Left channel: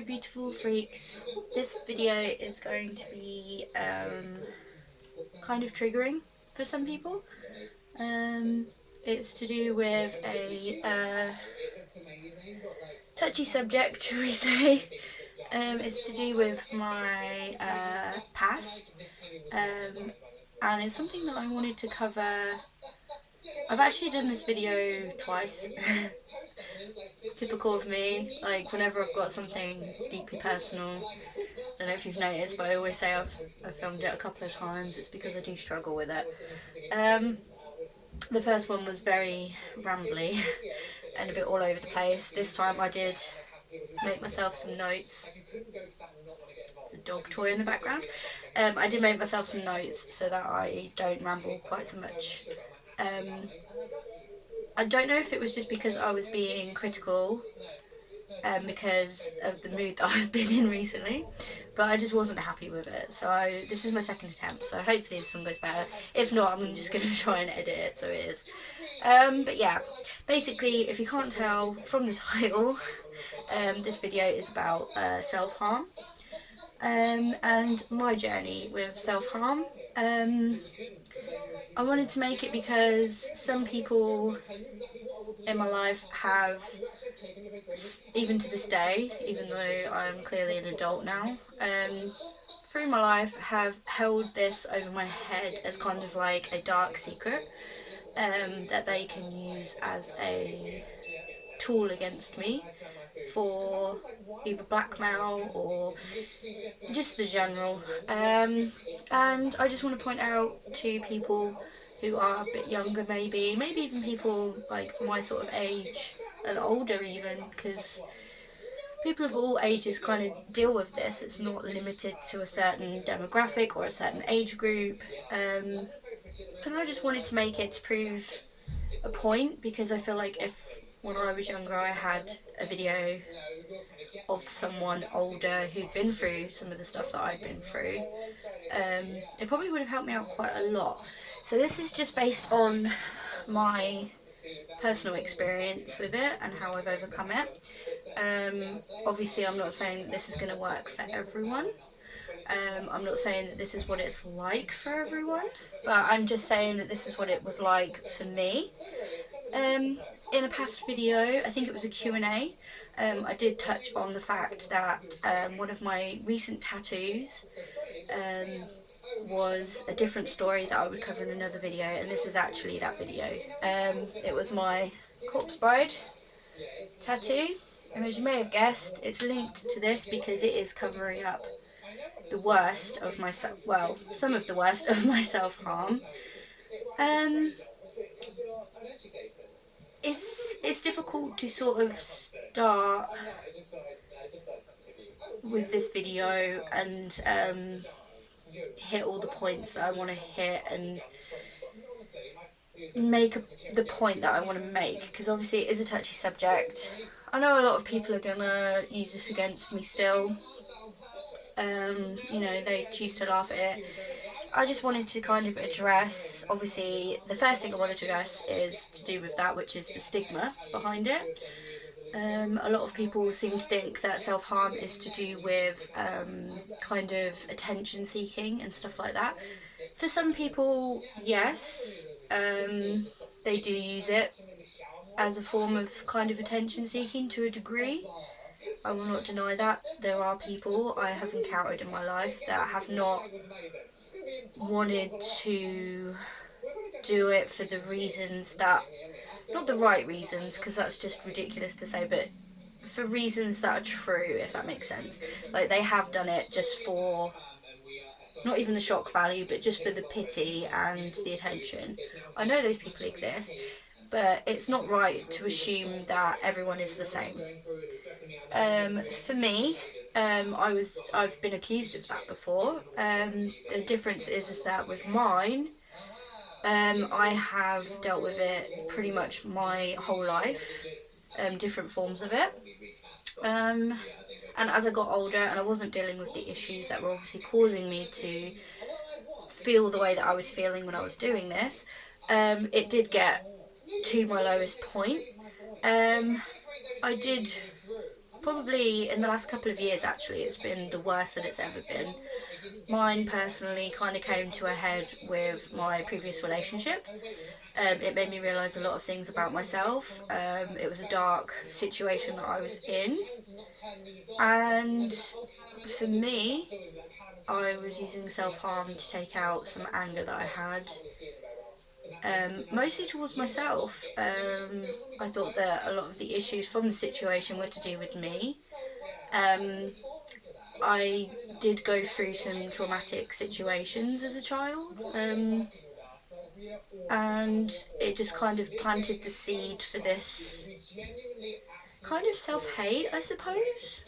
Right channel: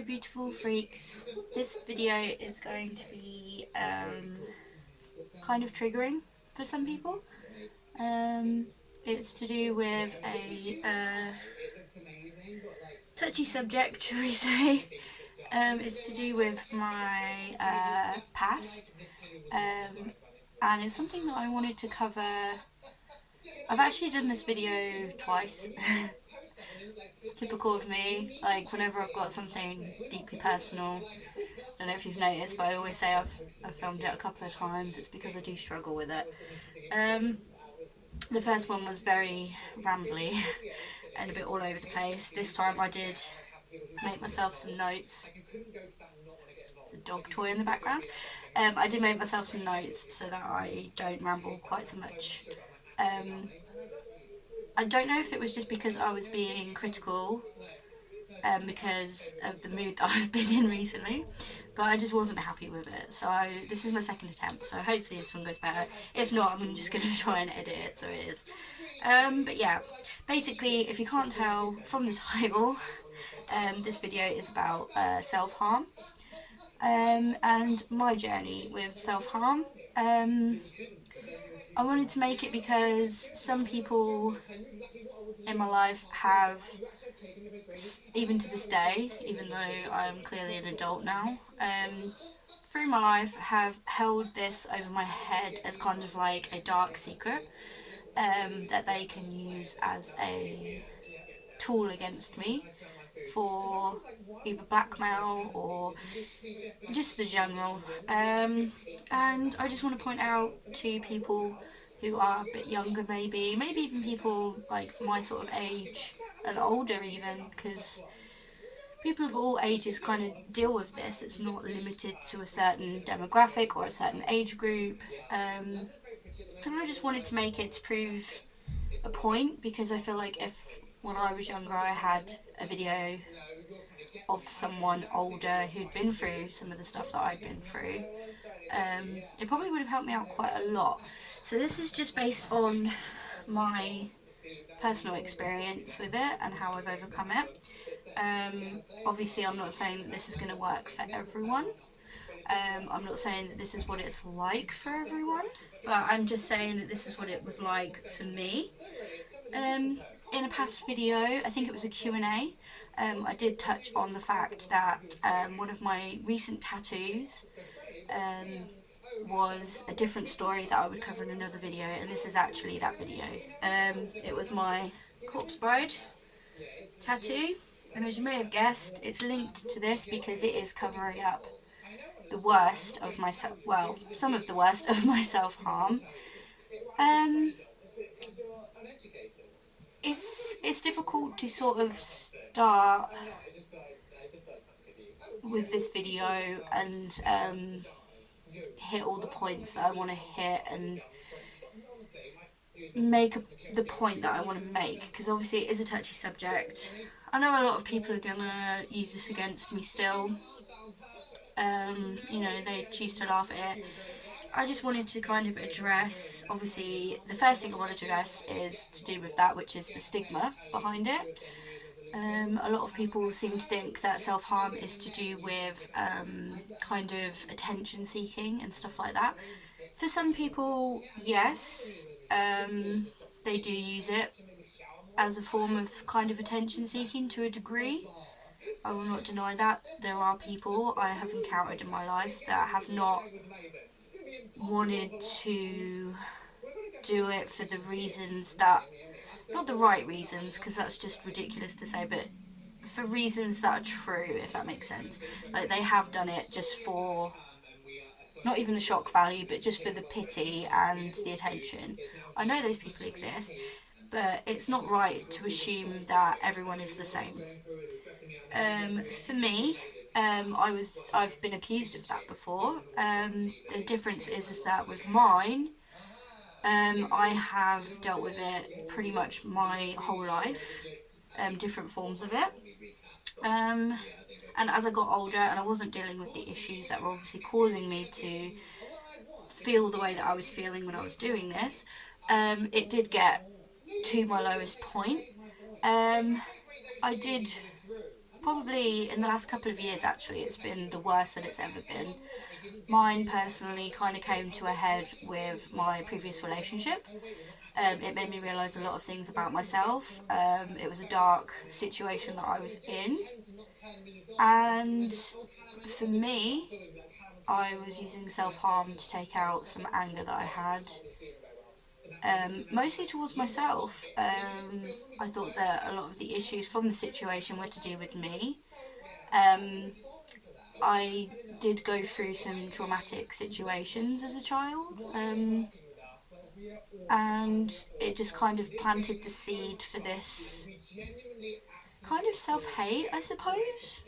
Hello beautiful freaks. This video is going to be kind of triggering for some people. It's to do with a touchy subject, shall we say. It's to do with my past, and it's something that I wanted to cover. I've actually done this video twice. Typical of me, like whenever I've got something deeply personal, I don't know if you've noticed, but I always say I've filmed it a couple of times. It's because I do struggle with it. The first one was very rambly and a bit all over the place. This time I did make myself some notes. There's a dog toy in the background. I did make myself some notes so that I don't ramble quite so much. I don't know if it was just because I was being critical because of the mood that I've been in recently, but I just wasn't happy with it. So this is my second attempt, so hopefully this one goes better. If not, I'm just going to try and edit it so it is. But yeah, basically, if you can't tell from the title, this video is about self-harm and my journey with self-harm. I wanted to make it because some people in my life have, even to this day, even though I'm clearly an adult now, through my life have held this over my head as kind of like a dark secret that they can use as a tool against me for either blackmail or just the general. And I just want to point out to people who are a bit younger, maybe even people like my sort of age and older even, because people of all ages kind of deal with this. It's not limited to a certain demographic or a certain age group. And I just wanted to make it to prove a point, because I feel like if when I was younger I had a video of someone older who'd been through some of the stuff that I'd been through, it probably would have helped me out quite a lot. So this is just based on my personal experience with it and how I've overcome it. Obviously I'm not saying that this is going to work for everyone. I'm not saying that this is what it's like for everyone, but I'm just saying that this is what it was like for me. In a past video, I think it was a Q&A, I did touch on the fact that one of my recent tattoos was a different story that I would cover in another video, and this is actually that video. It was my corpse bride tattoo, and as you may have guessed, it's linked to this because it is covering up the worst of myself, well, some of the worst of my self-harm. It's difficult to sort of start with this video and hit all the points that I want to hit and make the point that I want to make, because obviously it is a touchy subject. I know a lot of people are gonna use this against me still. You know, they choose to laugh at it. I just wanted to kind of address, obviously the first thing I want to address is to do with that, which is the stigma behind it. A lot of people seem to think that self-harm is to do with kind of attention seeking and stuff like that. For some people, yes, they do use it as a form of kind of attention seeking to a degree. I will not deny that. There are people I have encountered in my life that have not wanted to do it for the reasons that, not the right reasons, because that's just ridiculous to say, but for reasons that are true, if that makes sense. Like, they have done it just for not even the shock value, but just for the pity and the attention. I know those people exist, but it's not right to assume that everyone is the same. For me, I've been accused of that before. The difference is that with mine, I have dealt with it pretty much my whole life, different forms of it. And as I got older and I wasn't dealing with the issues that were obviously causing me to feel the way that I was feeling when I was doing this, it did get to my lowest point. I did probably in the last couple of years actually, it's been the worst that it's ever been. Mine personally kind of came to a head with my previous relationship. It made me realise a lot of things about myself. It was a dark situation that I was in, and for me, I was using self harm to take out some anger that I had, mostly towards myself. I thought that a lot of the issues from the situation were to do with me. Um, I did go through some traumatic situations as a child, and it just kind of planted the seed for this kind of self hate, I suppose,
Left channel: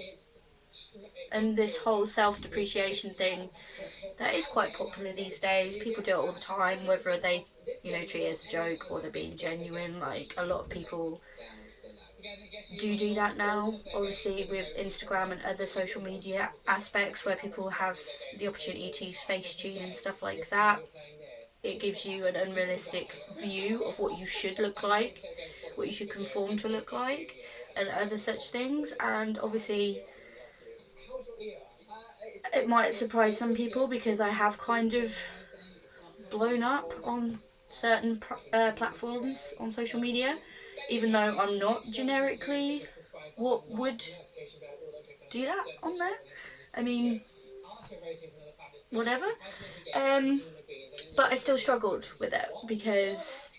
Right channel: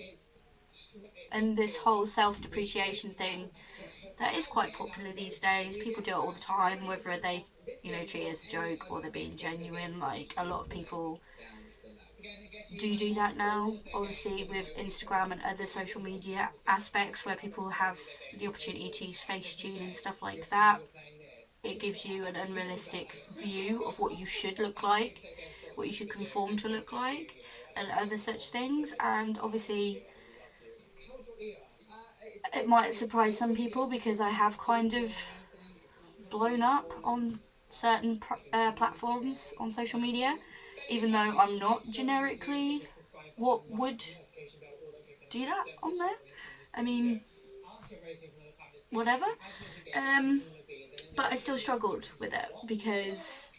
and this whole self depreciation thing that is quite popular these days. People do it all the time, whether they, treat it as a joke or they're being genuine. Like, a lot of people do that now, obviously, with Instagram and other social media aspects where people have the opportunity to use Facetune and stuff like that. It gives you an unrealistic view of what you should look like, what you should conform to look like, and other such things. And obviously, it might surprise some people because I have kind of blown up on certain platforms on social media, even though I'm not generically what would do that on there. I mean, whatever. Um, but I still struggled with it because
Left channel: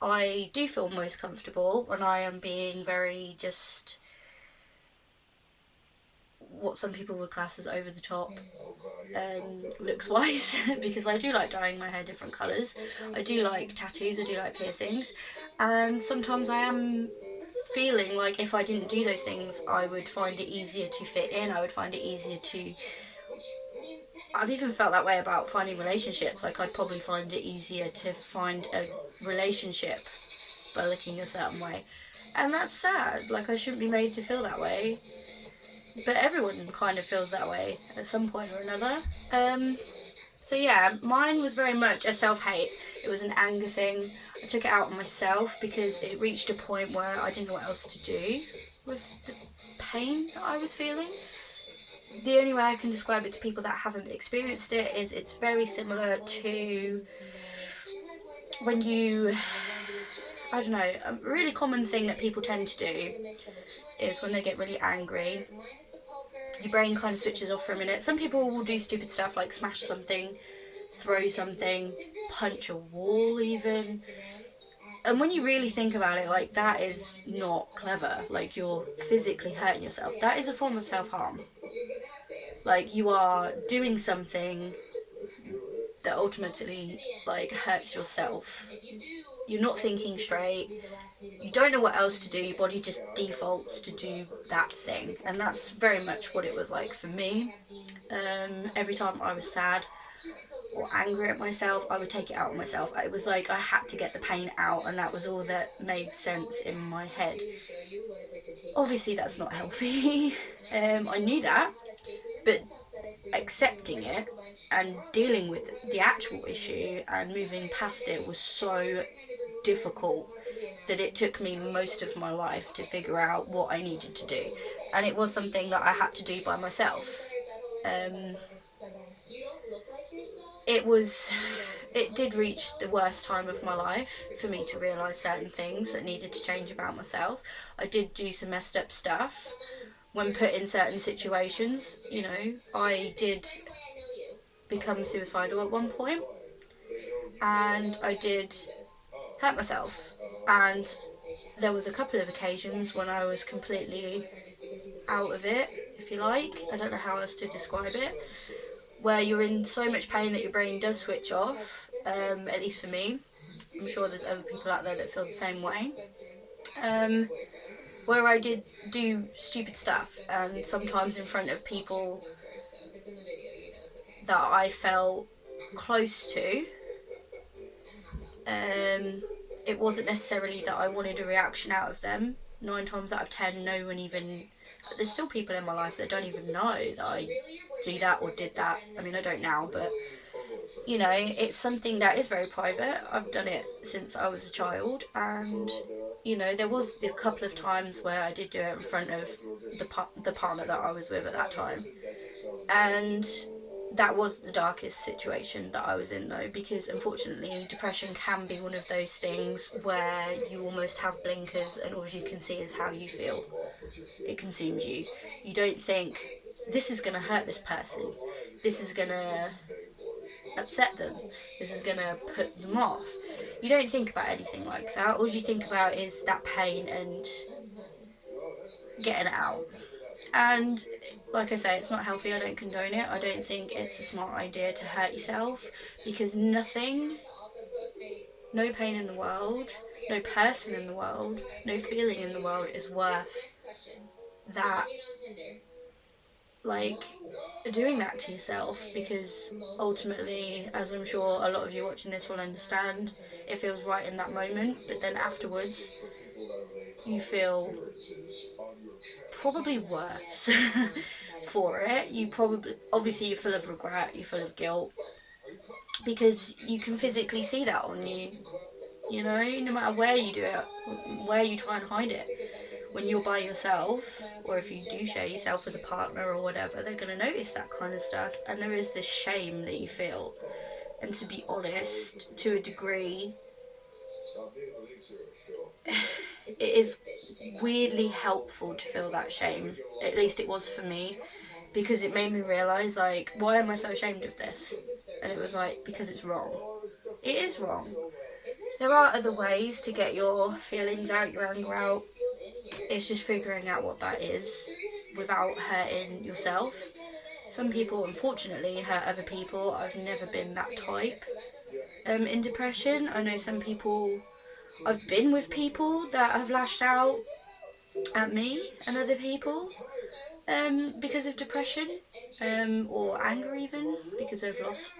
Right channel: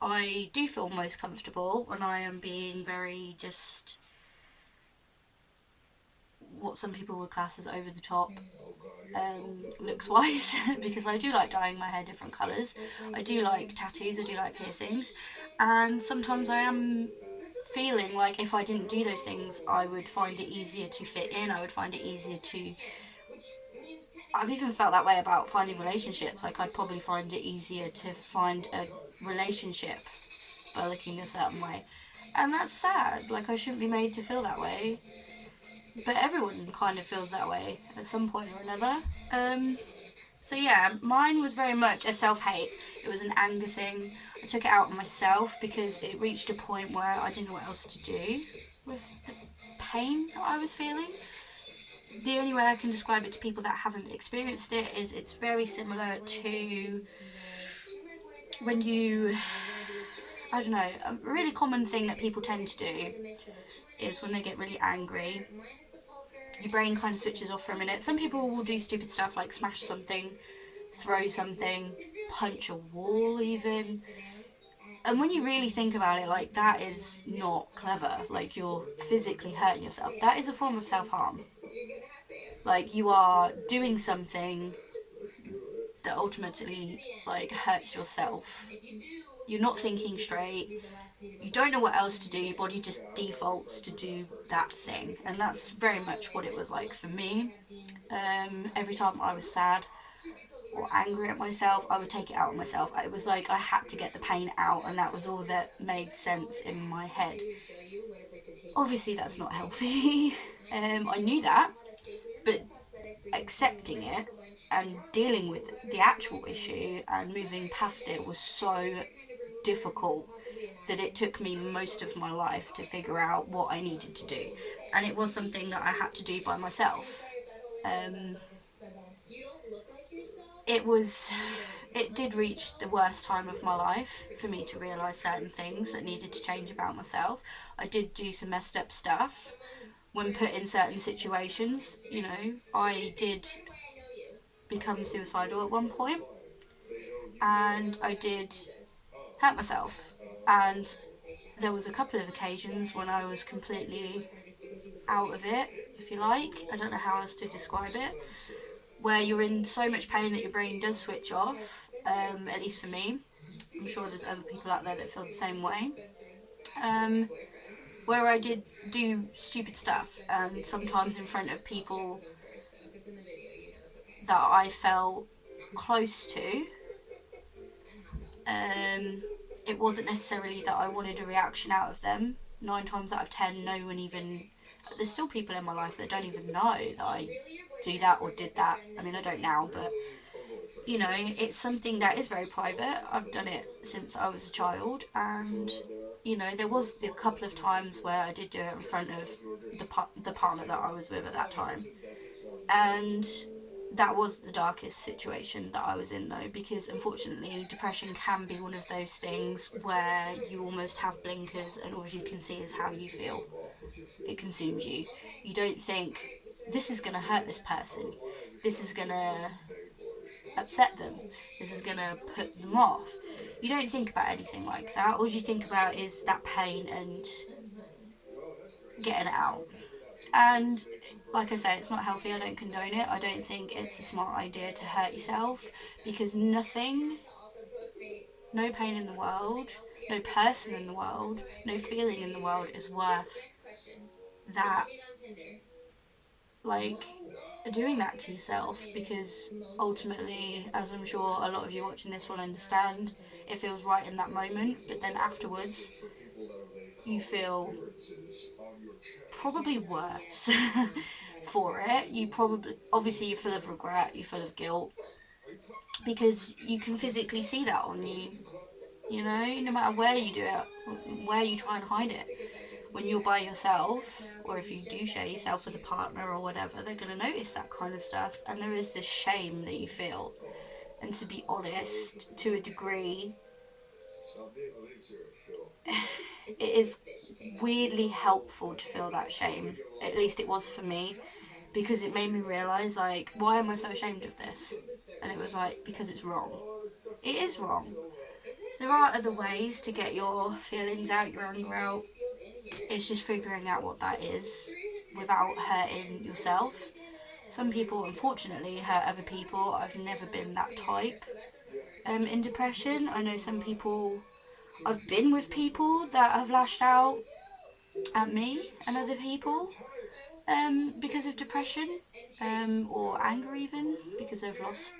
I do feel most comfortable when I am being very just what some people would class as over the top, looks wise, because I do like dyeing my hair different colours. I do like tattoos, I do like piercings, and sometimes I am feeling like if I didn't do those things, I would find it easier to fit in, I would find it easier to. I've even felt that way about finding relationships. Like, I'd probably find it easier to find a relationship by looking a certain way. And that's sad. Like, I shouldn't be made to feel that way. But everyone kind of feels that way at some point or another. So yeah, mine was very much a self-hate. It was an anger thing. I took it out on myself because it reached a point where I didn't know what else to do with the pain that I was feeling. The only way I can describe it to people that haven't experienced it is it's very similar to when you, I don't know, a really common thing that people tend to do is when they get really angry, your brain kind of switches off for a minute. Some people will do stupid stuff like smash something, throw something, punch a wall even. And when you really think about it, like, that is not clever. Like, you're physically hurting yourself. That is a form of self-harm. Like, you are doing something that ultimately, like, hurts yourself. You're not thinking straight. You don't know what else to do. Your body just defaults to do that thing. And that's very much what it was like for me. Every time I was sad or angry at myself, I would take it out on myself. It was like I had to get the pain out, and that was all that made sense in my head. Obviously, that's not healthy. I knew that, but accepting it and dealing with the actual issue and moving past it was so difficult that it took me most of my life to figure out what I needed to do. And it was something that I had to do by myself. Um, it was, it did reach the worst time of my life for me to realise certain things that needed to change about myself. I did do some messed up stuff when put in certain situations. I did become suicidal at one point, and I did hurt myself. And there was a couple of occasions when I was completely out of it, if you like. I don't know how else to describe it. Where you're in so much pain that your brain does switch off, at least for me. I'm sure there's other people out there that feel the same way. Where I did do stupid stuff, and sometimes in front of people that I felt close to. It wasn't necessarily that I wanted a reaction out of them. 9 times out of 10, no one even. There's still people in my life that don't even know that I do that or did that. I mean, I don't now, but it's something that is very private. I've done it since I was a child, and you know, there was a couple of times where I did do it in front of the partner that I was with at that time, and that was the darkest situation that I was in, though, because unfortunately depression can be one of those things where you almost have blinkers and all you can see is how you feel. It consumes you. You don't think, this is going to hurt this person, this is going to upset them, this is going to put them off. You don't think about anything like that. All you think about is that pain and getting it out. And like I say, it's not healthy. I don't condone it. I don't think it's a smart idea to hurt yourself, because nothing, no pain in the world, no person in the world, no feeling in the world is worth that, like, doing that to yourself. Because ultimately, as I'm sure a lot of you watching this will understand, it feels right in that moment, but then afterwards you feel probably worse for it. You probably, obviously, you're full of regret, you're full of guilt, because you can physically see that on you. You know, no matter where you do it, where you try and hide it, when you're by yourself, or if you do share yourself with a partner or whatever, they're going to notice that kind of stuff. And there is this shame that you feel. And to be honest, to a degree, it is weirdly helpful to feel that shame. At least it was for me, because it made me realise, like, why am I so ashamed of this? And it was like, because it's wrong. It is wrong. There are other ways to get your feelings out, your anger out. It's just figuring out what that is without hurting yourself. Some people, unfortunately, hurt other people. I've never been that type. In depression, I know some people, I've been with people that have lashed out at me and other people because of depression, or anger, even because they've lost.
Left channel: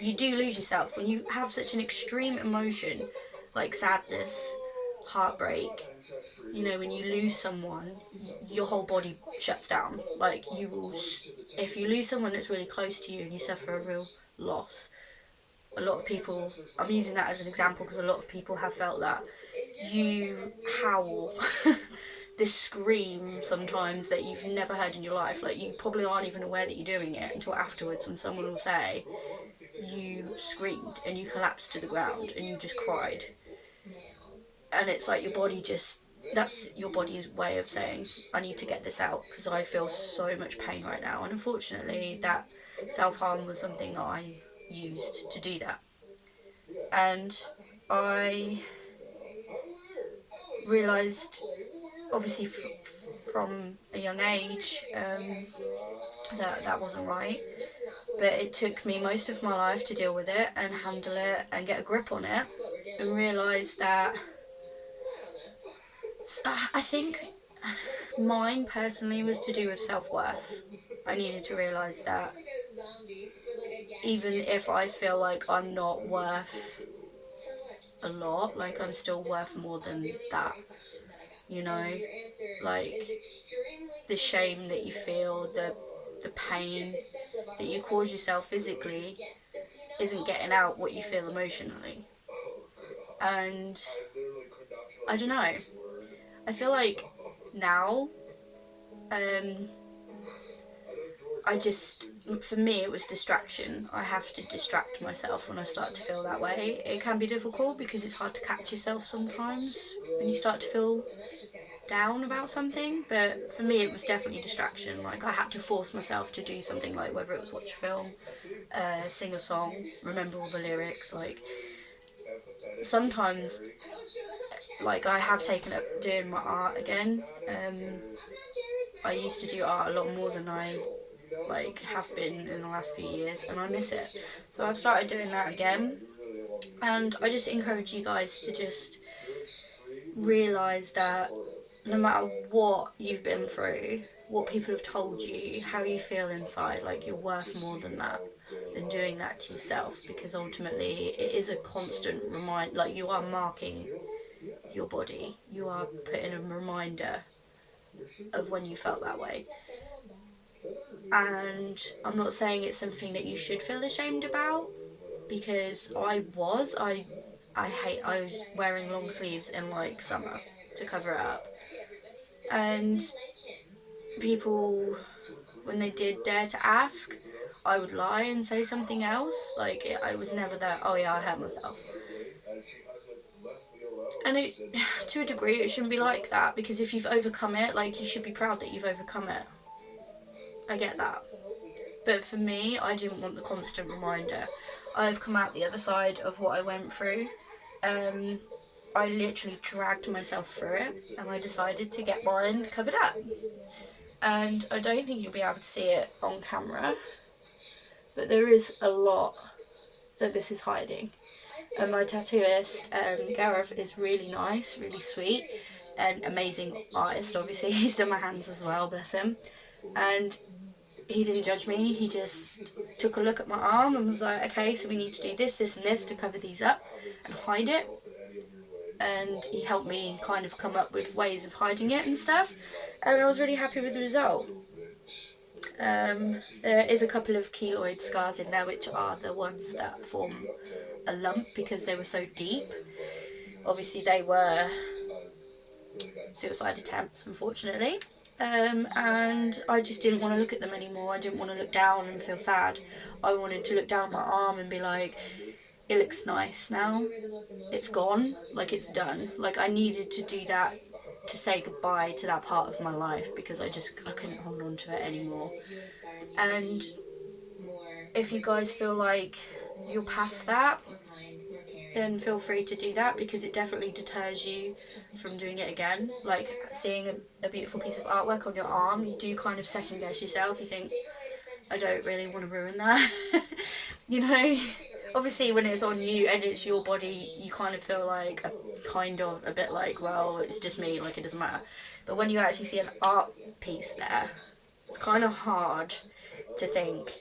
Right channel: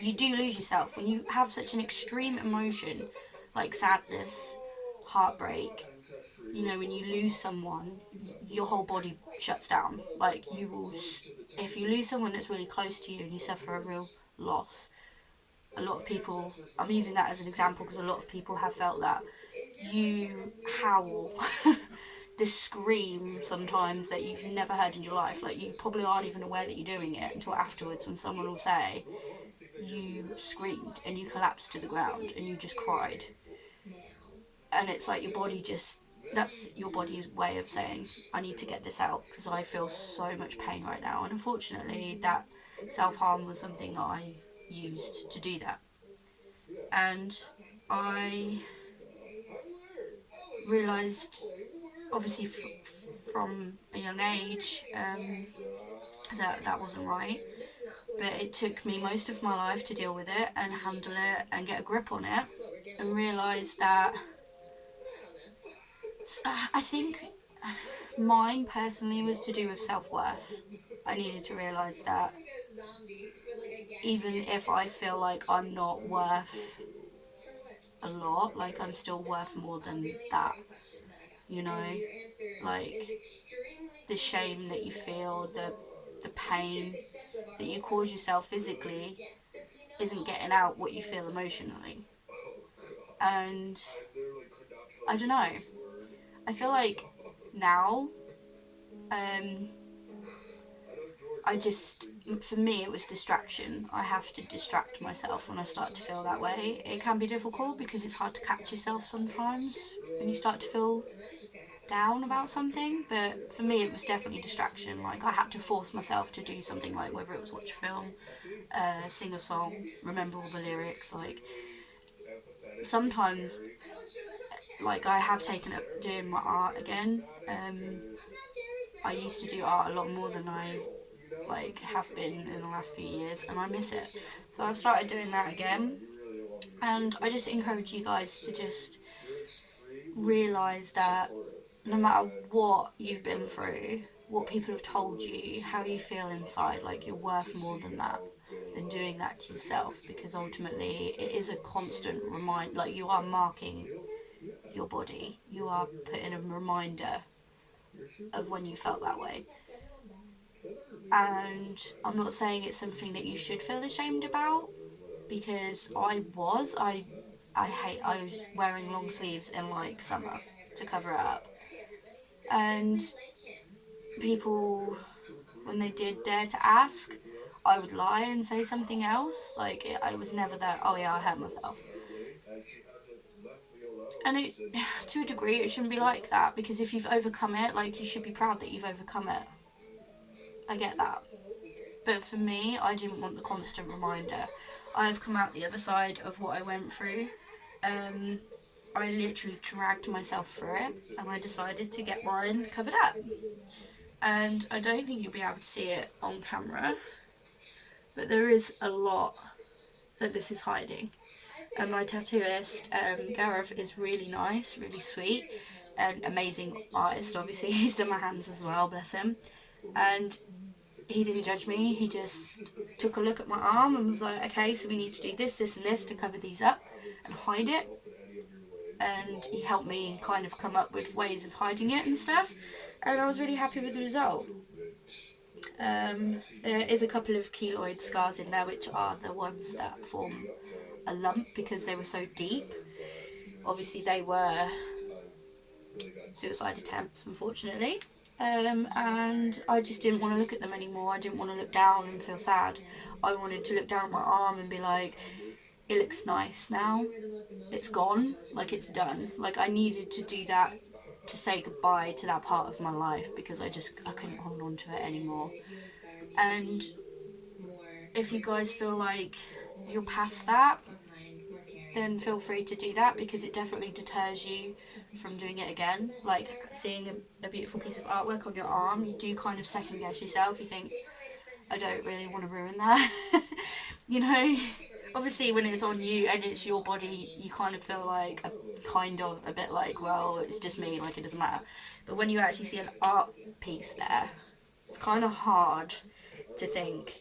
You do lose yourself when you have such an extreme emotion like sadness, heartbreak. You know, when you lose someone, your whole body shuts down. Like, you will, if you lose someone that's really close to you and you suffer a real loss, a lot of people, I'm using that as an example because a lot of people have felt that, you howl this scream sometimes that you've never heard in your life. Like, you probably aren't even aware that you're doing it until afterwards, when someone will say you screamed and you collapsed to the ground and you just cried. And it's like your body just, that's your body's way of saying, I need to get this out because I feel so much pain right now. And unfortunately, that self-harm was something that I used to do that. And I realised, obviously, from a young age, that that wasn't right. But it took me most of my life to deal with it and handle it and get a grip on it, and realise that, I think mine personally was to do with self-worth. I needed to realise that even if I feel like I'm not worth a lot, like, I'm still worth more than that. You know, like, the shame that you feel, the pain that you cause yourself physically isn't getting out what you feel emotionally. And I don't know. I feel like now, um, I just, for me, it was distraction. I have to distract myself when I start to feel that way. It can be difficult because it's hard to catch yourself sometimes when you start to feel down about something, but for me it was definitely distraction. Like, I had to force myself to do something, like whether it was watch a film, sing a song, remember all the lyrics. Like, sometimes, like, I have taken up doing my art again. I used to do art a lot more than I, like, have been in the last few years, and I miss it. So I've started doing that again, and I just encourage you guys to just realise that no matter what you've been through, what people have told you, how you feel inside, like, you're worth more than that, than doing that to yourself. Because ultimately it is a constant reminder, like, you are marking your body, you are putting a reminder of when you felt that way. And I'm not saying it's something that you should feel ashamed about, because I I was wearing long sleeves in like summer to cover it up. And people, when they did dare to ask, I would lie and say something else. Like, I was never that, oh yeah, I hurt myself. And it, to a degree, it shouldn't be like that, because if you've overcome it, like, you should be proud that you've overcome it. I get that. But for me, I didn't want the constant reminder. I've come out the other side of what I went through. I literally dragged myself through it, and I decided to get mine covered up. And I don't think you'll be able to see it on camera, but there is a lot that this is hiding. And my tattooist, Gareth, is really nice, really sweet, and amazing artist. Obviously, he's done my hands as well, bless him. And he didn't judge me. He just took a look at my arm and was like, okay, so we need to do this, this, and this to cover these up and hide it. And he helped me kind of come up with ways of hiding it and stuff. And I was really happy with the result. There is a couple of keloid scars in there, which are the ones that form a lump because they were so deep. Obviously, they were suicide attempts, unfortunately. And I just didn't want to look at them anymore. I didn't want to look down and feel sad. I wanted to look down at my arm and be like, it looks nice now. It's gone. Like, it's done. Like, I needed to do that to say goodbye to that part of my life, because I couldn't hold on to it anymore. And if you guys feel like you're past that, then feel free to do that, because it definitely deters you from doing it again. Like, seeing a beautiful piece of artwork on your arm, you do kind of second guess yourself. You think, I don't really want to ruin that. You know, obviously when it's on you and it's your body, you kind of feel like a bit like, well, it's just me, like, it doesn't matter. But when you actually see an art piece there, it's kind of hard to think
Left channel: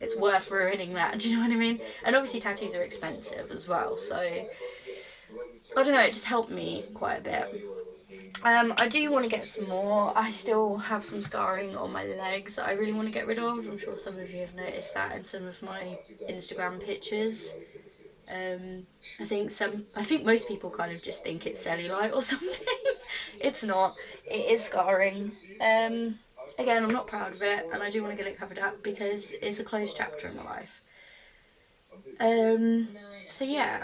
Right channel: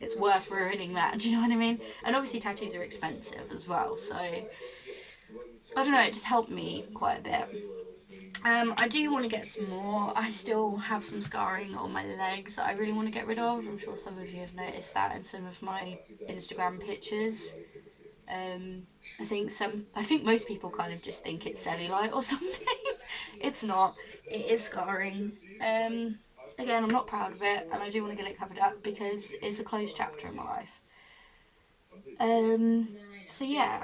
it's worth ruining that. Do you know what I mean? And obviously tattoos are expensive as well, so I don't know, it just helped me quite a bit. I do want to get some more. I still have some scarring on my legs that I really want to get rid of. I'm sure some of you have noticed that in some of my Instagram pictures. I think most people kind of just think it's cellulite or something. It's not. It is scarring. Again, I'm not proud of it, and I do want to get it covered up because it's a closed chapter in my life. So yeah,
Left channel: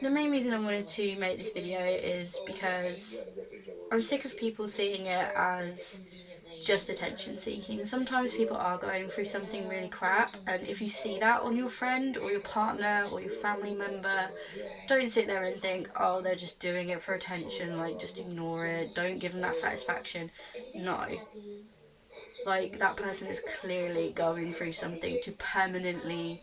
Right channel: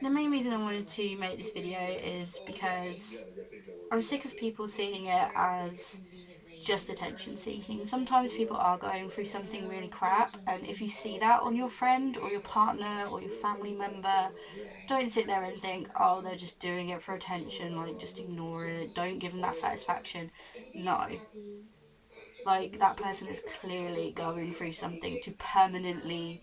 the main reason I wanted to make this video is because I'm sick of people seeing it as just attention seeking. Sometimes people are going through something really crap, and if you see that on your friend or your partner or your family member, don't sit there and think, oh, they're just doing it for attention, like, just ignore it, don't give them that satisfaction. No. Like, that person is clearly going through something to permanently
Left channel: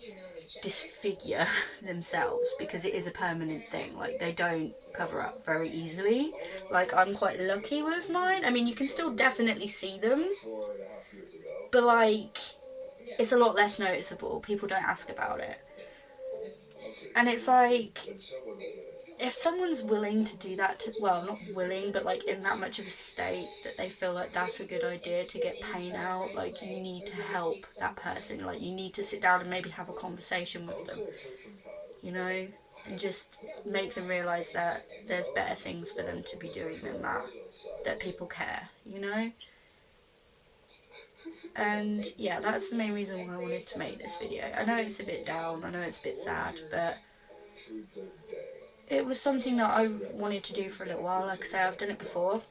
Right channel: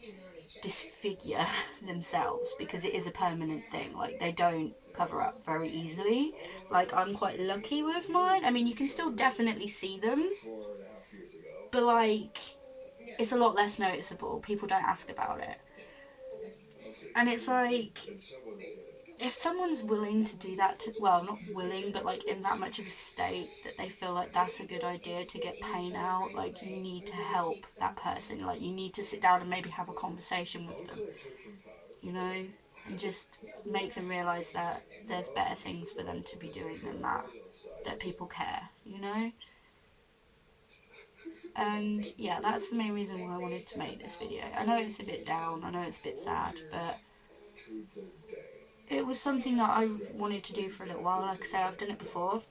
disfigure themselves, because it is a permanent thing. Like, they don't cover up very easily. Like, I'm quite lucky with mine. I mean, you can still definitely see them, but like, it's a lot less noticeable. People don't ask about it. And it's like, if someone's willing to do that, well, not willing, but like in that much of a state that they feel like that's a good idea to get pain out, like, you need to help that person. Like, you need to sit down and maybe have a conversation with them, you know, and just make them realise that there's better things for them to be doing than that people care, you know. And yeah, that's the main reason why I wanted to make this video. I know it's a bit down, I know it's a bit sad, but it was something that I've wanted to do for a little while. Like I say, I've done it before.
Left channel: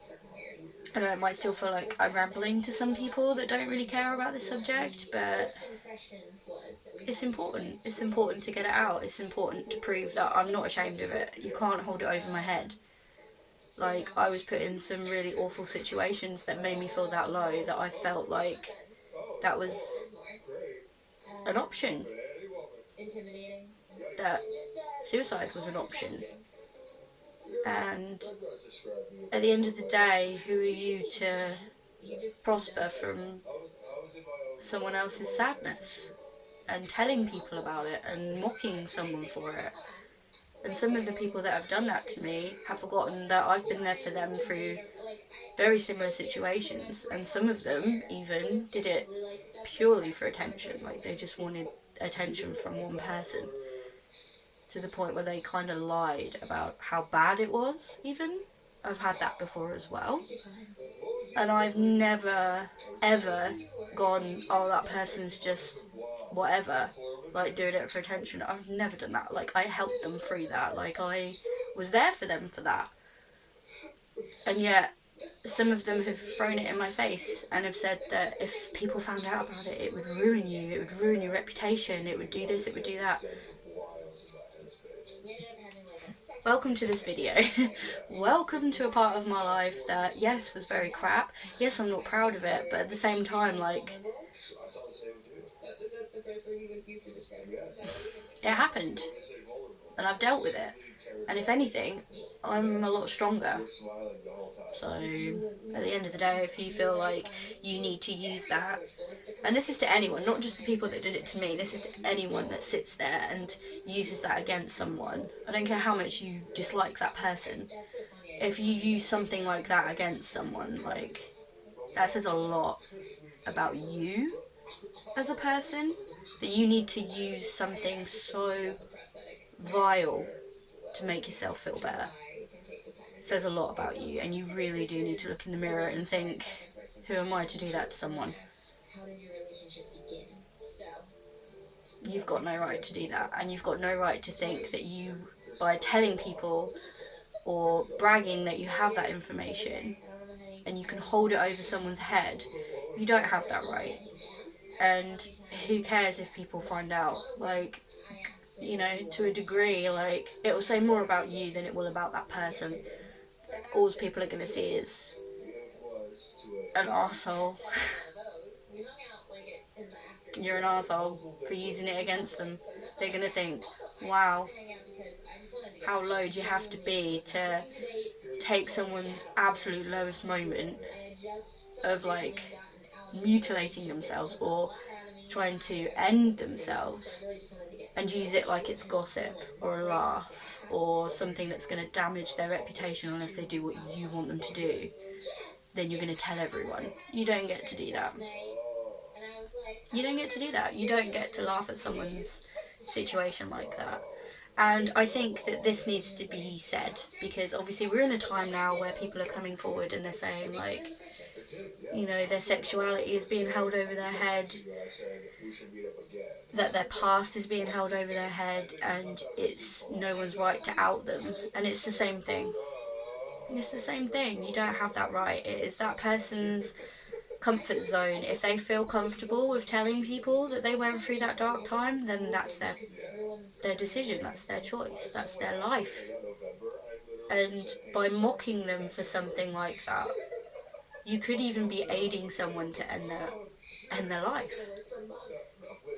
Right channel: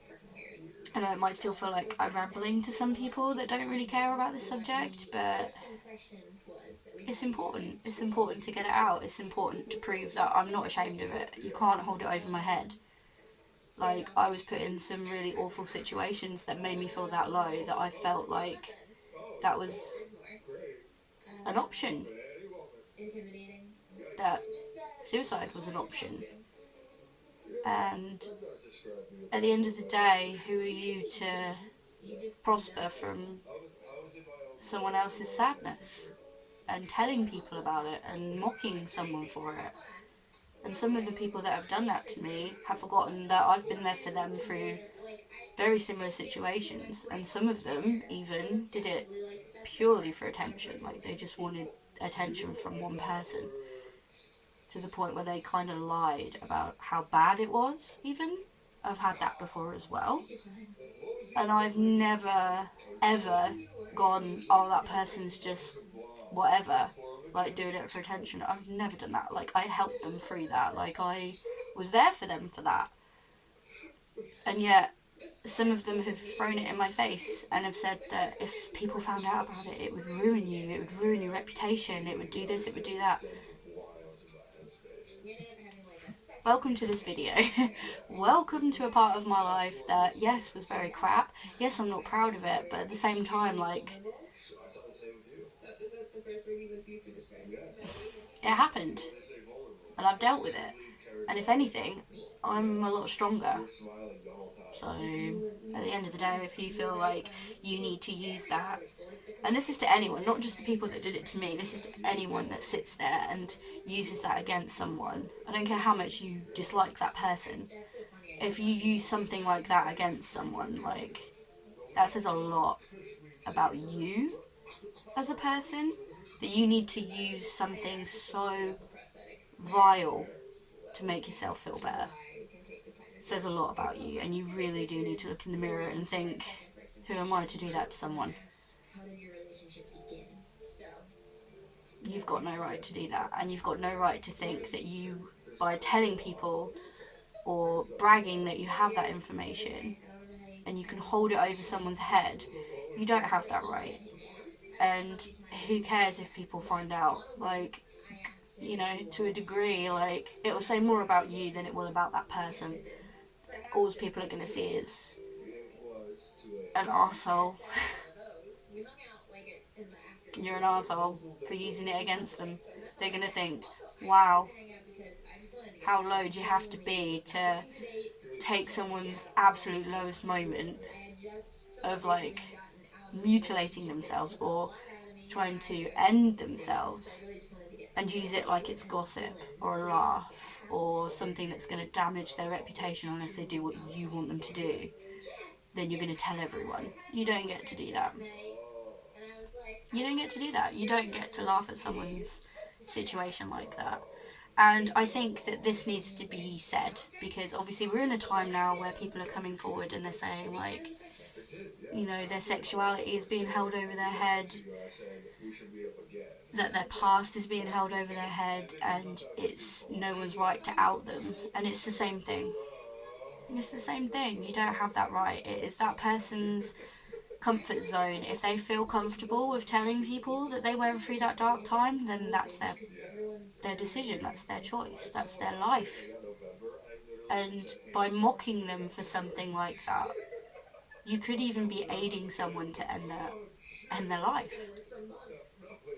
I know it might still feel like I'm rambling to some people that don't really care about this subject, but it's important. It's important to get it out. It's important to prove that I'm not ashamed of it. You can't hold it over my head. Like, I was put in some really awful situations that made me feel that low, that I felt like that was an option. That suicide was an option. And at the end of the day, who are you to prosper from someone else's sadness and telling people about it and mocking someone for it? And some of the people that have done that to me have forgotten that I've been there for them through very similar situations, and some of them even did it purely for attention. Like, they just wanted attention from one person. to the point where they kind of lied about how bad it was, even. I've had that before as well. And I've never, ever gone, oh, that person's just whatever, like doing it for attention. I've never done that. Like, I helped them through that. Like, I was there for them for that. And yet, some of them have thrown it in my face and have said that if people found out about it, it would ruin you, it would ruin your reputation, it would do this, it would do that. Welcome to this video. Welcome to a part of my life that, yes, was very crap. Yes, I'm not proud of it, but at the same time, like, it happened. And I've dealt with it. And if anything, I'm a lot stronger. So, at the end of the day, if you feel like you need to use that, and this is to anyone, not just the people that did it to me, this is to anyone that sits there and uses that against someone. I don't care how much you dislike that person. If you use something like that against someone, like, that says a lot about you as a person, that you need to use something so vile to make yourself feel better. It says a lot about you, and you really do need to look in the mirror and think, who am I to do that to someone? You've got no right to do that, and you've got no right to think that you, by telling people or bragging that you have that information and you can hold it over someone's head, you don't have that right. And who cares if people find out? Like, you know, to a degree, like, it will say more about you than it will about that person. All people are going to see is an arsehole. You're an arsehole for using it against them. They're going to think, wow, how low do you have to be to take someone's absolute lowest moment of, like, mutilating themselves or trying to end themselves and use it like it's gossip or a laugh or something that's going to damage their reputation unless they do what you want them to do. Then you're going to tell everyone. You don't get to do that. You don't get to do that. You don't get to laugh at someone's situation like that. And I think that this needs to be said, because obviously we're in a time now where people are coming forward and they're saying, like, you know, their sexuality is being held over their head, that their past is being held over their head, and it's no one's right to out them. And it's the same thing. It's the same thing. You don't have that right. It is that person's comfort zone. If they feel comfortable with telling people that they went through that dark time, then that's their decision, that's their choice, that's their life. And by mocking them for something like that, you could even be aiding someone to end their life.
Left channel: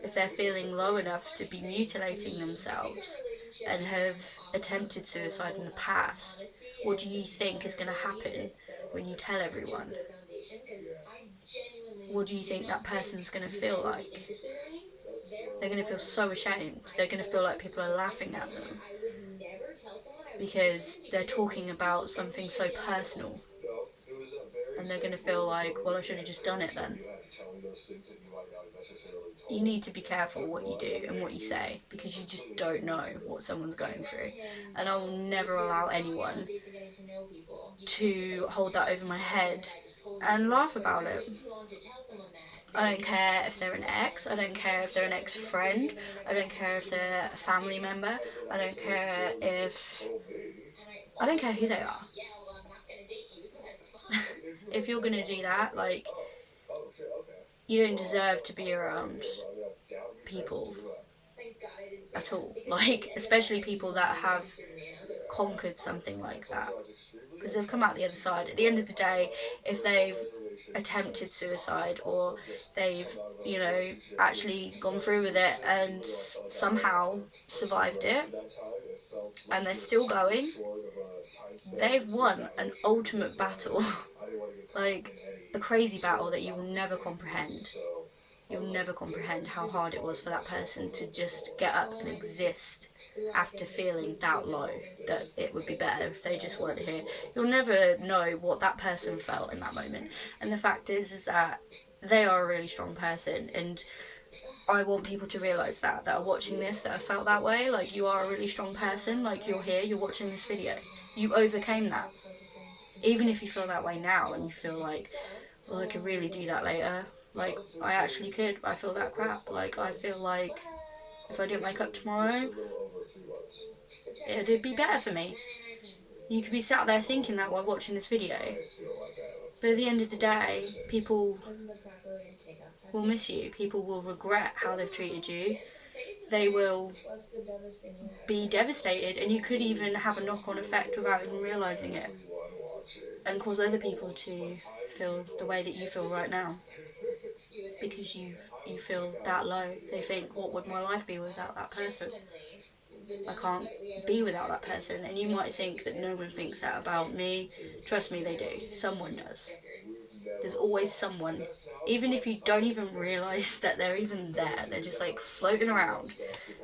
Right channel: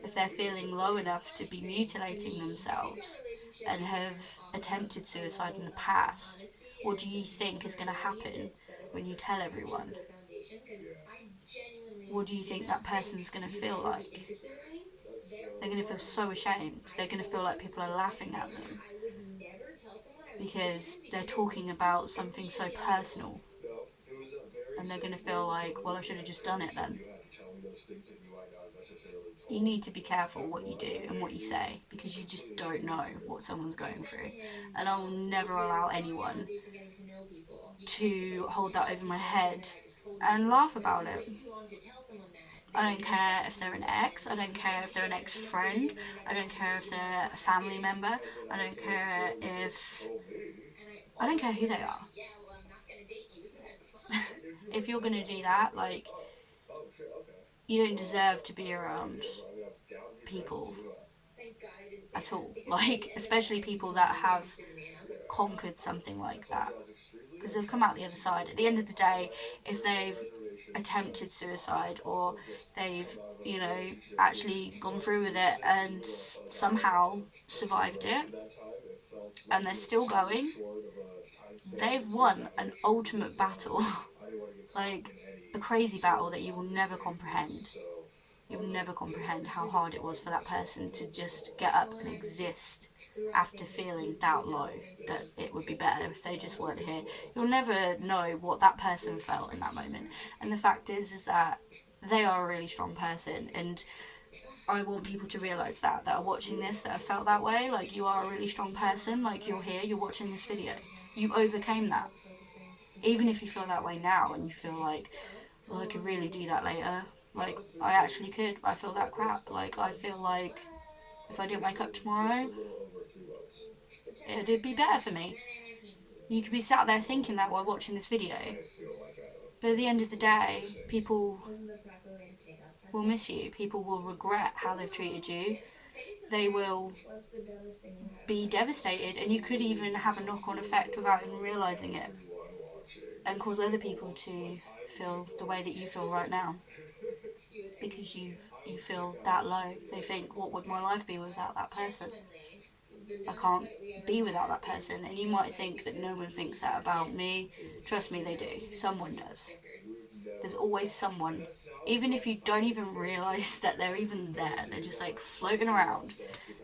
If they're feeling low enough to be mutilating themselves and have attempted suicide in the past, what do you think is going to happen when you tell everyone? What do you think that person's going to feel like? They're going to feel so ashamed. They're going to feel like people are laughing at them because they're talking about something so personal. And they're going to feel like, well, I should have just done it then. You need to be careful what you do and what you say, because you just don't know what someone's going through. And I will never allow anyone to hold that over my head and laugh about it. I don't care if they're an ex, I don't care if they're an ex-friend, I don't care if they're a family member, I don't care who they are. If you're gonna do that, like, you don't deserve to be around people at all. Like, especially people that have conquered something like that, because they've come out the other side. At the end of the day, if they've attempted suicide or they've, you know, actually gone through with it and somehow survived it and they're still going, they've won an ultimate battle. Like, a crazy battle that you will never comprehend. You'll never comprehend how hard it was for that person to just get up and exist after feeling that low, that it would be better if they just weren't here. You'll never know what that person felt in that moment. And the fact is that they are a really strong person, and I want people to realise that are watching this, that have felt that way. Like, you are a really strong person. Like, you're here, you're watching this video. You overcame that. Even if you feel that way now and you feel like, well, I could really do that later. Like, I actually could. I feel that crap. Like, I feel like if I didn't wake up tomorrow, it'd be better for me. You could be sat there thinking that while watching this video. But at the end of the day, people will miss you. People will regret how they've treated you. They will be devastated, and you could even have a knock-on effect without even realising it, and cause other people to feel the way that you feel right now, because you feel that low. They think, what would my life be without that person? I can't be without that person. And you might think that no one thinks that about me. Trust me, they do. Someone does. There's always someone, even if you don't even realise that they're even there, they're just like floating around,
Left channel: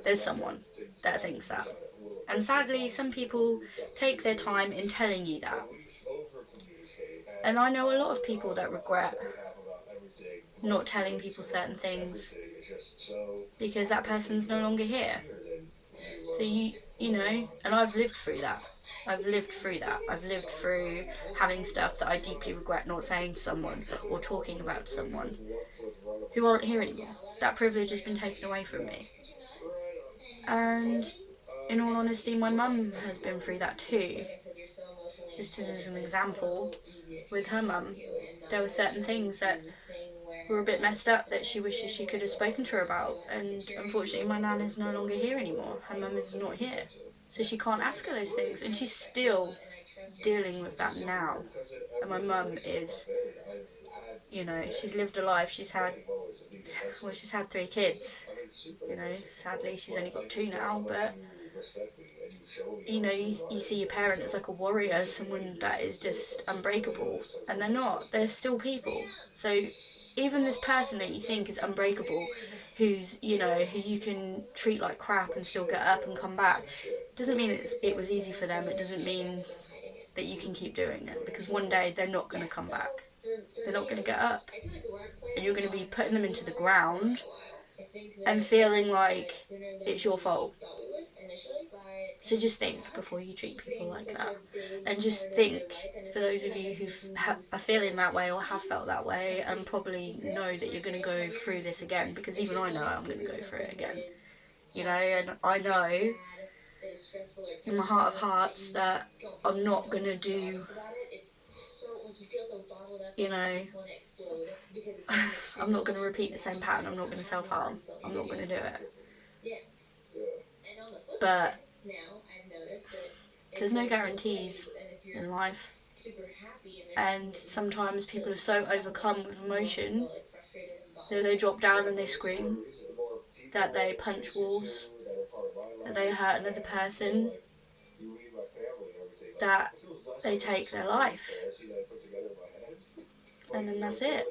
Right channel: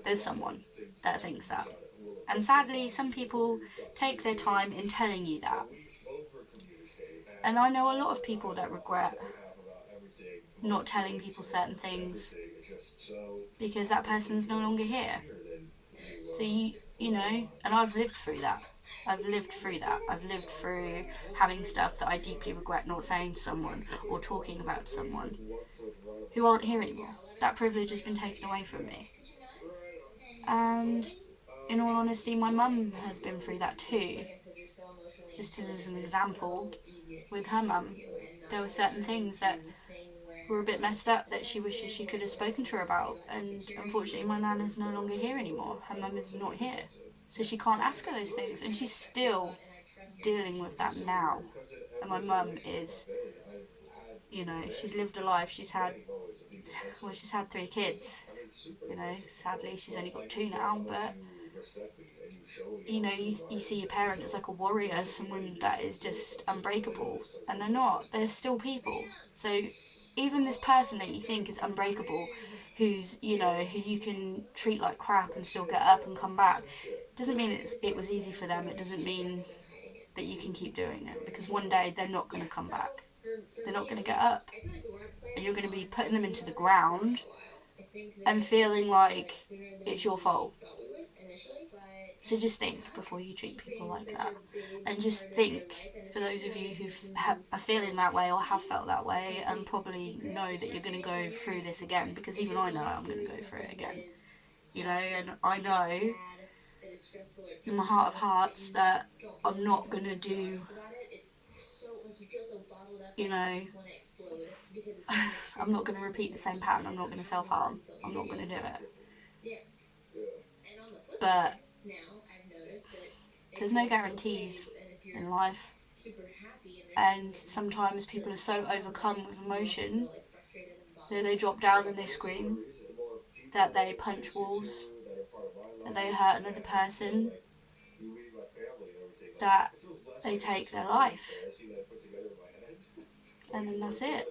there's someone that thinks that. And sadly, some people take their time in telling you that. And I know a lot of people that regret not telling people certain things because that person's no longer here. So you know, and I've lived through that. I've lived through that. I've lived through having stuff that I deeply regret not saying to someone or talking about to someone who aren't here anymore. That privilege has been taken away from me. And in all honesty, my mum has been through that too. Just as an example, with her mum, there were certain things that were a bit messed up that she wishes she could have spoken to her about. And unfortunately, my nan is no longer here anymore. Her mum is not here. So she can't ask her those things. And she's still dealing with that now. And my mum is, you know, she's lived a life. She's had 3 kids. You know, sadly, she's only got 2 now. But, you know, you see your parent as like a warrior, someone that is just unbreakable. And they're not. They're still people. So even this person that you think is unbreakable, who's, you know, who you can treat like crap and still get up and come back, doesn't mean it was easy for them. It doesn't mean that you can keep doing it, because one day they're not going to come back. They're not going to get up. And you're going to be putting them into the ground and feeling like it's your fault. So just think before you treat people like that. And just think, for those of you who are feeling that way or have felt that way, and probably know that you're going to go through this again, because even I know I'm going to go through it again. You know, and I know in my heart of hearts that I'm not going to do, you know, I'm not going to repeat the same pattern. I'm not going to self-harm. I'm not going to do it. But there's no guarantees in life. And sometimes people are so overcome with emotion that they drop down and they scream, that they punch walls, that they hurt another person, that they take their life. And then that's it.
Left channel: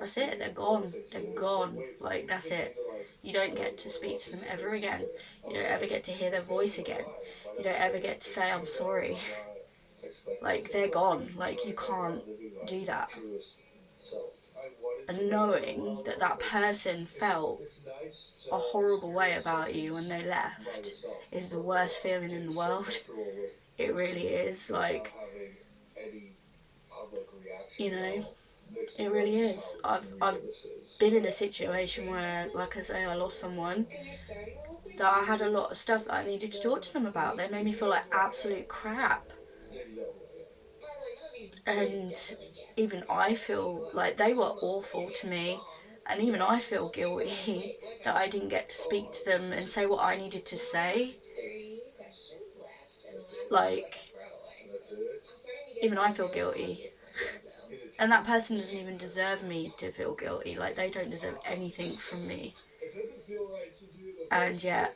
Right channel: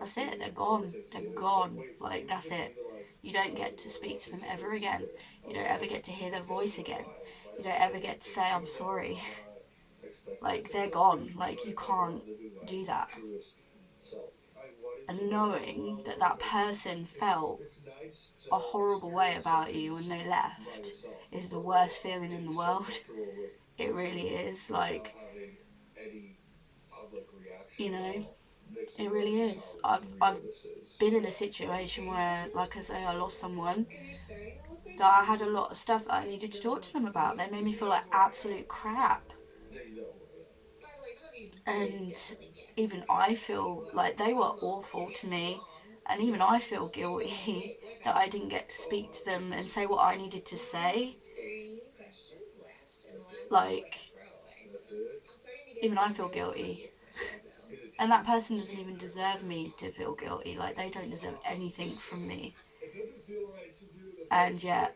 That's it. They're gone. They're gone. Like, that's it. You don't get to speak to them ever again. You don't ever get to hear their voice again. You don't ever get to say, I'm sorry. Like, they're gone. Like, you can't do that. And knowing that that person felt a horrible way about you when they left is the worst feeling in the world. It really is. Like, you know, it really is. I've been in a situation where, like I say, I lost someone that I had a lot of stuff that I needed to talk to them about. They made me feel like absolute crap. And even I feel like they were awful to me. And even I feel guilty that I didn't get to speak to them and say what I needed to say. Like, even I feel guilty. And that person doesn't even deserve me to feel guilty. Like, they don't deserve anything from me. And yet,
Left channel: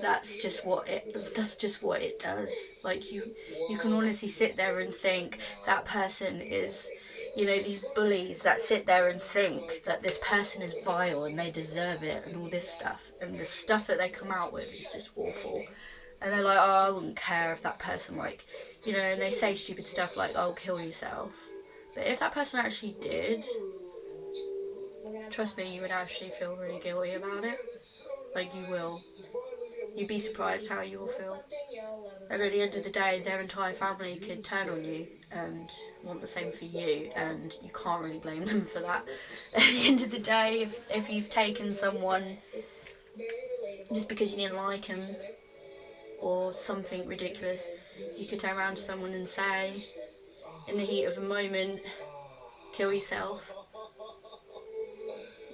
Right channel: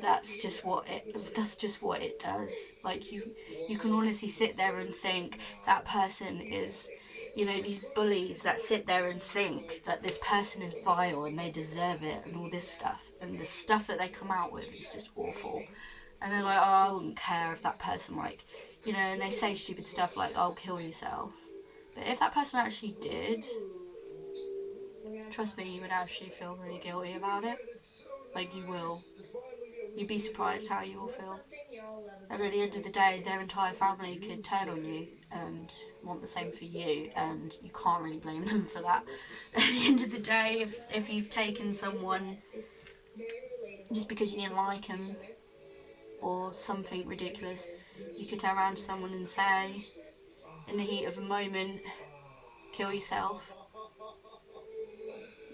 that's just what it does. Like, you can honestly sit there and think that person is, you know, these bullies that sit there and think that this person is vile and they deserve it and all this stuff, and the stuff that they come out with is just awful. And they're like, oh, I wouldn't care if that person, like, you know, and they say stupid stuff like, oh, kill yourself. But if that person actually did, trust me, you would actually feel really guilty about it. Like, you will. You'd be surprised how you will feel. And at the end of the day, their entire family could turn on you and want the same for you, and you can't really blame them for that. At the end of the day, if you've taken someone just because you didn't like them or something ridiculous, you could turn around to someone and say, in the heat of a moment, kill yourself.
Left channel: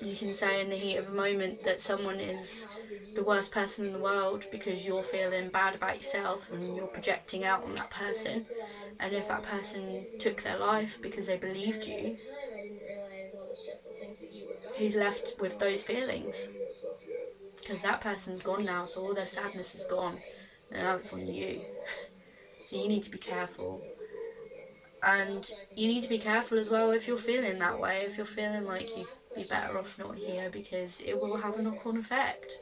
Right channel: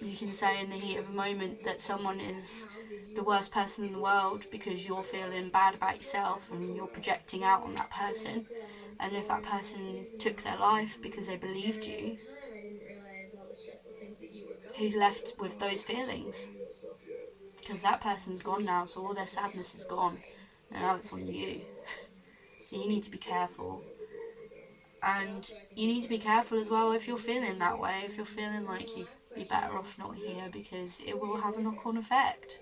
You can say in the heat of a moment that someone is the worst person in the world because you're feeling bad about yourself and you're projecting out on that person. And if that person took their life because they believed you, who's left with those feelings? Because that person's gone now, so all their sadness is gone, and now it's on you. So you need to be careful. And you need to be careful as well if you're feeling that way, if you're feeling like you're better off not here, because it will have a knock-on effect.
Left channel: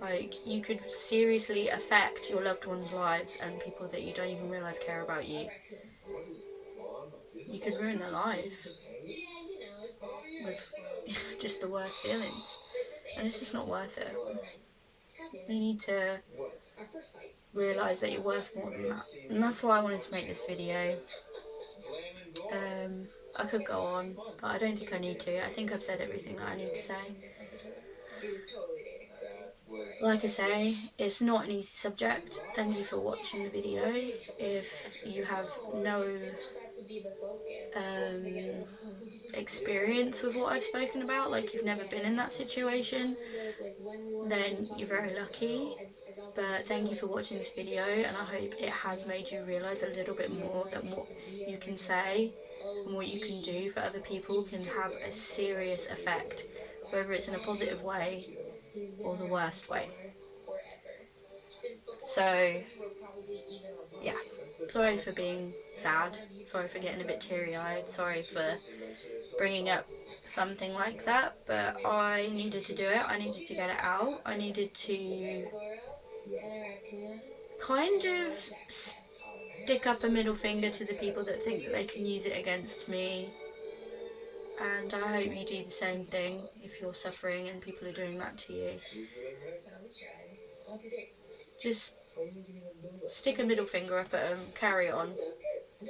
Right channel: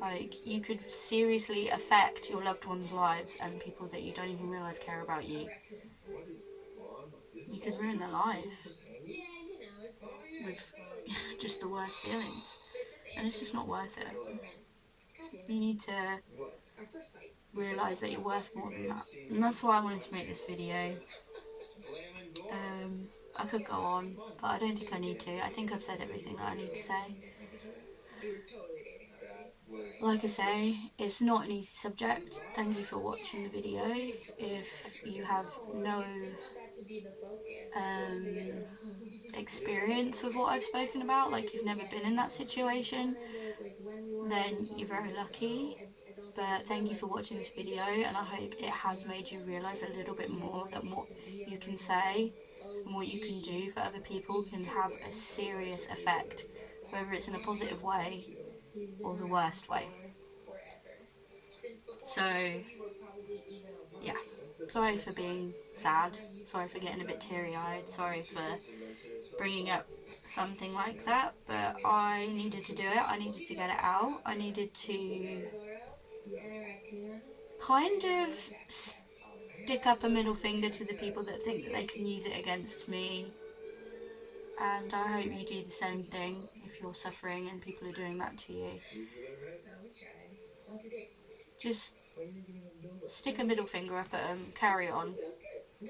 Like, you could seriously affect your loved ones' lives and people that you don't even realise care about you. You could ruin their life with just the worst feelings. And it's just not worth it. You need to realise that you're worth more than that. And that's why I wanted to make this video. I could go on, but I don't think I need to. I think I've said everything that I need to say. Like I say, it's not an easy subject. Thank you for watching the video. If you have no experience with what I've spoken about, like you've never been in that situation, then you're very lucky. But thank you for watching this video, and I hope it has made you realise a little bit more that what you can say and what you can do for other people can have a serious effect, whether it's in a positive way or the worst way. So, yeah, sorry for being sad, sorry for getting a bit teary-eyed, sorry for bringing up something like that, but I needed to do it, I needed to get it out, I needed to kind of stick up a middle finger to the people that think that they can use it against me, and I hope you do the same thing if you're suffering and people are doing that to you. Just stick a middle finger up at them, carry on.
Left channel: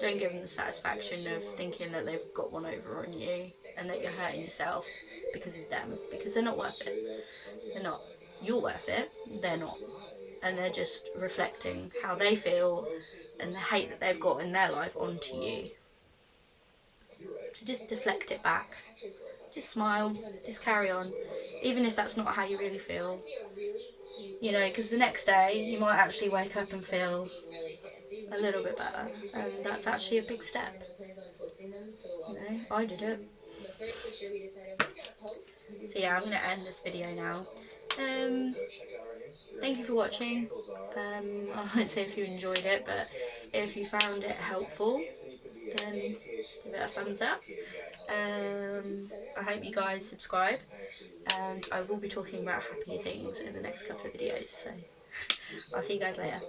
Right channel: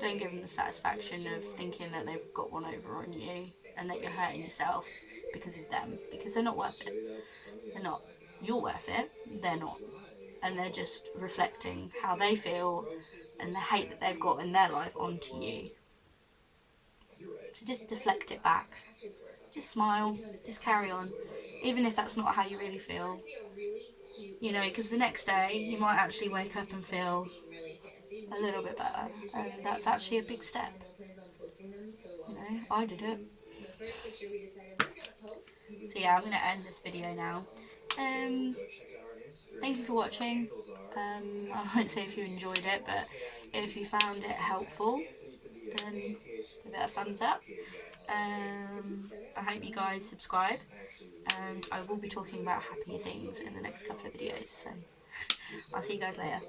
Don't give them the satisfaction of thinking that they've got one over on you and that you're hurting yourself because of them, because they're not worth it. They're not. You're worth it, they're not. And they're just reflecting how they feel and the hate that they've got in their life onto you. So just deflect it back. Just smile, just carry on, even if that's not how you really feel. You know, because the next day you might actually wake up and feel a little bit better, and that's actually a big step. You know, I did it. So yeah, I'm going to end this video now. Thank you for watching. I won't say if you enjoyed it, but if you found it helpful, then give it a thumbs up. I hope you guys subscribe, and I will be talking about happier things in the next couple of videos, so I'll see you guys later.